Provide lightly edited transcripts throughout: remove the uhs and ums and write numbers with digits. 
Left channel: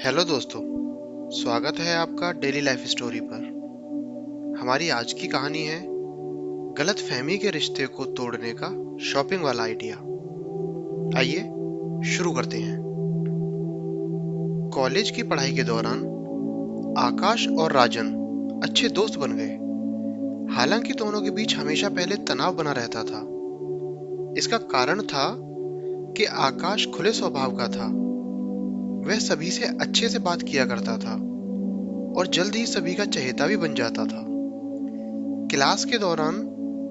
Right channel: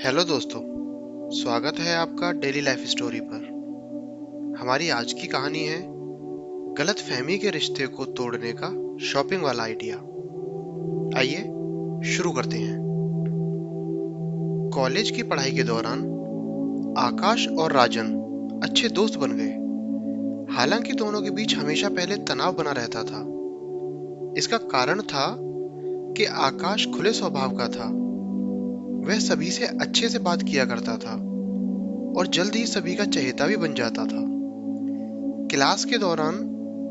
Hello दोस्तों, स्वागत है आपका डेली लाइफ स्टोरी पर। हमारी आज की कहानी है गलत फहमी के रिश्ते को तोड़ने का शॉपिंग वाला आइडिया। आइए शुरू करते हैं। कॉलेज की पढ़ाई के दौरान आकाश और राजन अच्छे दोस्त बन गए। हालांकि दोनों के बीच हमेशा पहले तनाव बना रहता था। इसका कारण था कि आकाश खुले स्वभाव का था। वह सभी से अच्छे से बात किया करता था और जल्द ही सभी का चहेता भी बन जाता था। क्लास के दौरान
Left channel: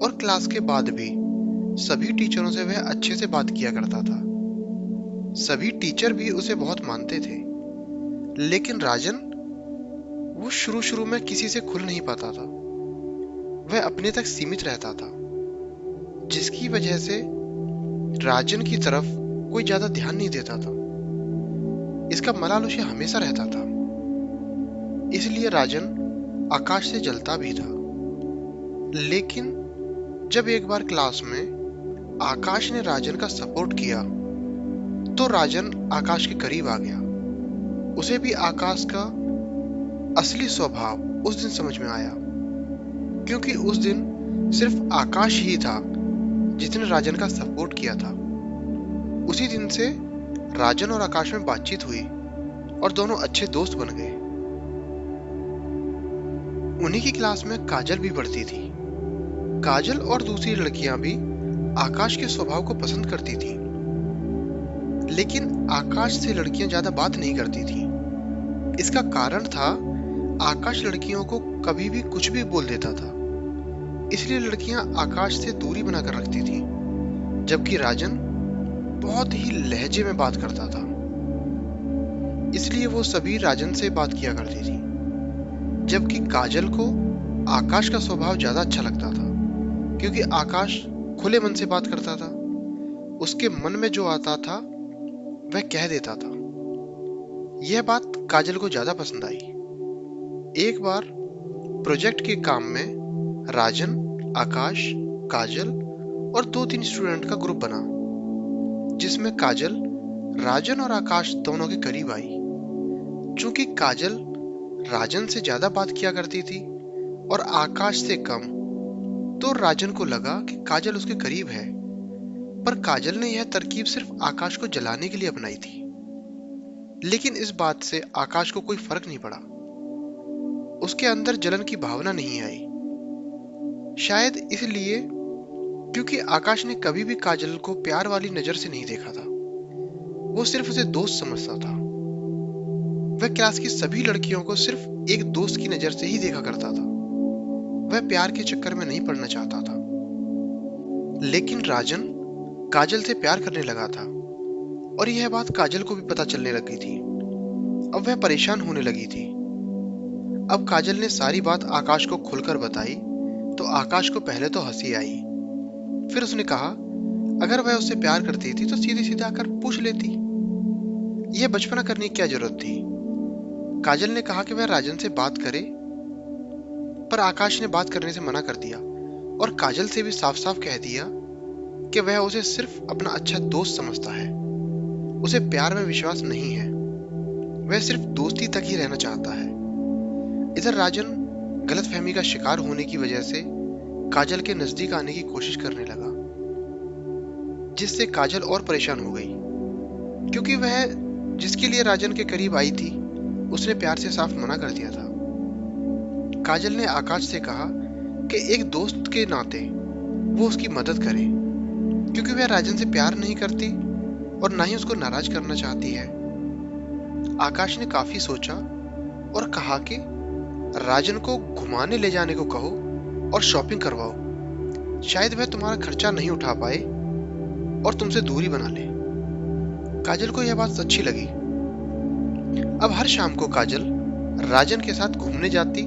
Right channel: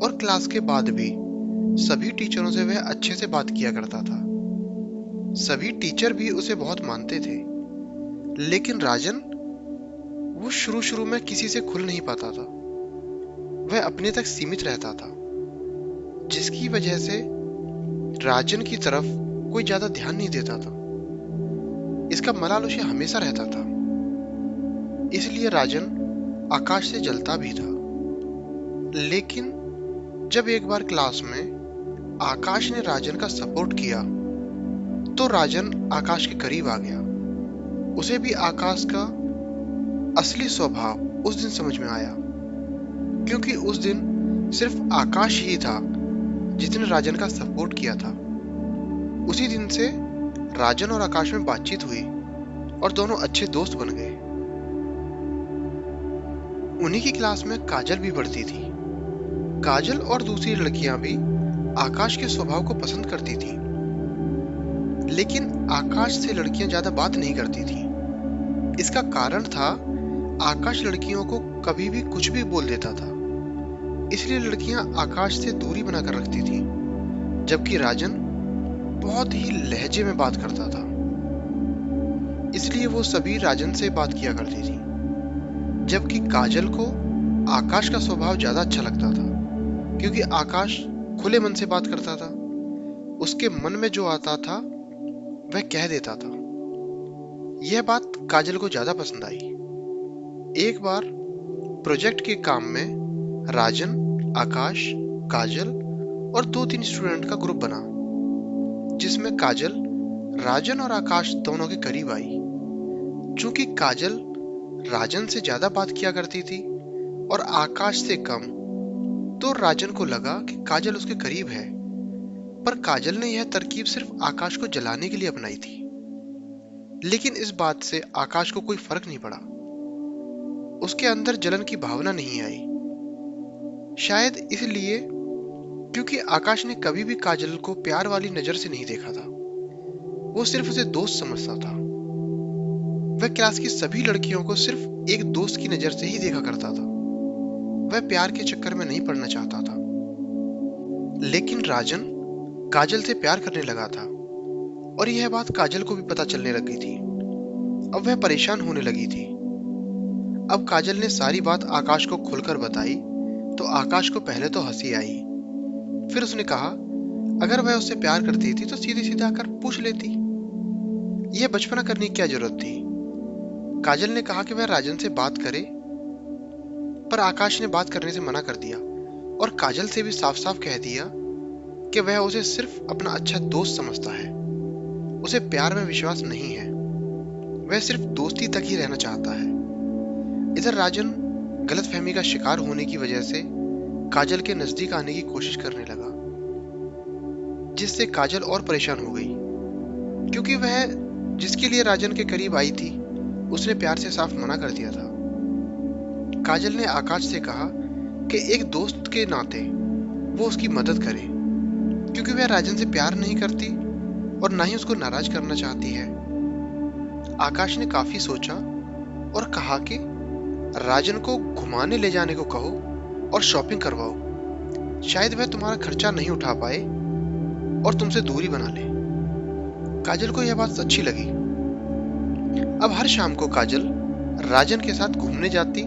और क्लास के बाद भी सभी टीचरों से वह अच्छे से बात किया करता था। सभी टीचर भी उसे बहुत मानते थे। लेकिन राजन, वो शुरू शुरू में किसी से खुल नहीं पाता था। वह अपने तक सीमित रहता था, जिसकी वजह से राजन की तरफ कोई ज्यादा ध्यान नहीं देता था। इसका मलाल उसे हमेशा रहता था। इसलिए राजन आकाश से जलता भी था। लेकिन जब एक बार क्लास में आकाश ने राजन का सपोर्ट किया तो राजन आकाश के करीब आ गया। उसे भी आकाश का असली स्वभाव उस दिन समझ में आया, क्योंकि उस दिन सिर्फ आकाश ही था जिसने राजन का सपोर्ट किया था। उसी दिन से राजन और आकाश में बातचीत हुई और दोनों अच्छे दोस्त बन गए। उन्हीं की क्लास में काजल भी पढ़ती थी। काजल और दूसरी लड़कियां भी आकाश के स्वभाव को पसंद करती थी, लेकिन आकाश से लड़कियां ज्यादा बात नहीं करती थी। इसका कारण था आकाश लड़कियों को कभी भी कुछ भी बोल देता था। इसलिए लड़कियां आकाश से दूरी बनाकर रखती थी, जबकि राजन बहुत ही लहजे में बात करता था। इसलिए वो सभी राजन से बात किया करती थी, जबकि काजल को आकाश का स्वभाव ज्यादा अच्छा लगता था, क्योंकि आकाश खुले मन से बात करता था। उसके मन में जो आता था वह कह देता था। यह बात काजल को ज्यादा पसंद आई। एक बार प्रोजेक्ट के काम में राजन, आकाश, काजल और 2-3 स्टूडेंट का ग्रुप बना, जिसमें काजल राजन और आकाश दोनों के करीब आई। चूंकि काजल राजन से ज्यादा बात किया करती थी और आकाश से कम, तो राजन को लगा कि काजल उसके करीब है। पर काजल ने यह तरकीब सिर्फ आकाश को जलाने के लिए अपनाई थी। लेकिन इस बात से आकाश को कोई फर्क नहीं पड़ा। उसके अंदर जलन की भावना नहीं आई। शायद इसलिए क्योंकि आकाश ने कभी भी काजल को प्यार वाली नजर से नहीं देखा था। वो सिर्फ उसे दोस्त समझता था। वह क्लास की सभी लड़कियों को सिर्फ एक दोस्त की नजर से ही देखा करता था। वह प्यार के चक्कर में नहीं पड़ना चाहता था। लेकिन राजन काजल से प्यार करने लगा था और यह बात काजल को भी पता चलने लगी थी। अब वह परेशान होने लगी थी। अब काजल ने सारी बात आकाश को खुलकर बताई तो आकाश को पहले तो हंसी आई। फिर उसने कहा, अगर वह उससे प्यार करती थी तो सीधे सीधे आकर पूछ लेती। यह बचपना करने की क्या जरूरत थी। काजल ने कहा कि वह राजन से बात करे, पर आकाश ने बात करने से मना कर दिया और काजल से भी साफ साफ कह दिया कि वह उसे सिर्फ अपना अच्छा दोस्त समझता है। उसे प्यार में विश्वास नहीं है। वह सिर्फ दोस्ती तक ही रहना चाहता है। इधर राजन गलतफहमी का शिकार होने की वजह से काजल के नजदीक आने की कोशिश करने लगा, जिससे काजल और परेशान हो गई, क्योंकि वह जिसके लिए राजन के करीब आई थी उसने प्यार से साफ मना कर दिया था। काजल ने आकाश से कहा कि एक दोस्त के नाते वो उसकी मदद करे, क्योंकि वह राजन से प्यार नहीं करती और ना ही उसको नाराज करना चाहती है। आकाश ने काफी सोचा और कहा कि राजन को घुमाने ले जाने को कहो और शॉपिंग करवाओ। शायद वह तुम्हारा खर्चा नहीं उठा पाए और तुमसे दूरी बना ले। काजल को यह बात अच्छी लगी। अब हर शाम को काजल राजन के साथ घूमने जाती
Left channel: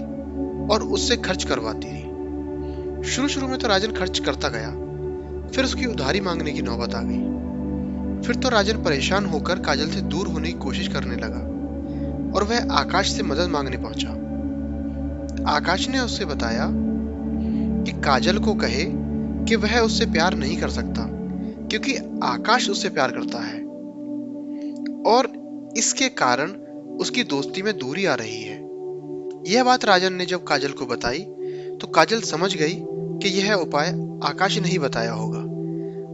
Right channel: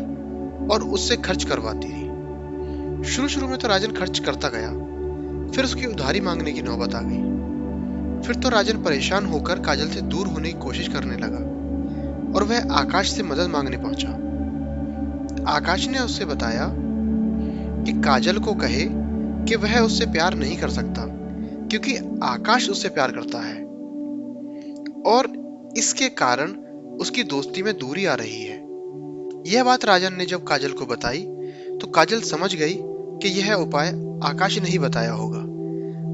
और उससे खर्च करवाती थी। शुरू शुरू में तो राजन खर्च करता गया, फिर उसकी उधारी मांगने की नौबत आ गई। फिर तो राजन परेशान होकर काजल से दूर होने की कोशिश करने लगा और वह आकाश से मदद मांगने पहुंचा। आकाश ने उससे बताया कि काजल को कहे कि वह उससे प्यार नहीं कर सकता, क्योंकि आकाश उससे प्यार करता है और इसके कारण उसकी दोस्ती में दूरी आ रही है। यह बात राजन ने जब काजल को बताई तो काजल समझ गई कि यह उपाय आकाश ने ही बताया होगा,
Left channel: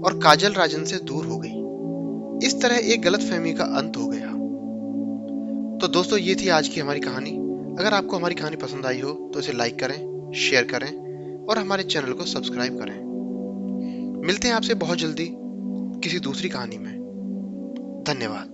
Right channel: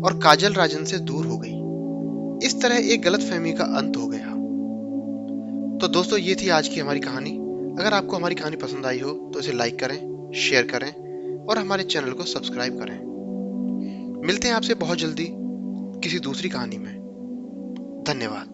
और काजल राजन से दूर हो गई। इस तरह एक गलतफहमी का अंत हो गया। तो दोस्तों, ये थी आज की हमारी कहानी। अगर आपको हमारी कहानी पसंद आई हो तो इसे लाइक करें, शेयर करें और हमारे चैनल को सब्सक्राइब करें। मिलते हैं आपसे बहुत जल्दी किसी दूसरी कहानी में। धन्यवाद।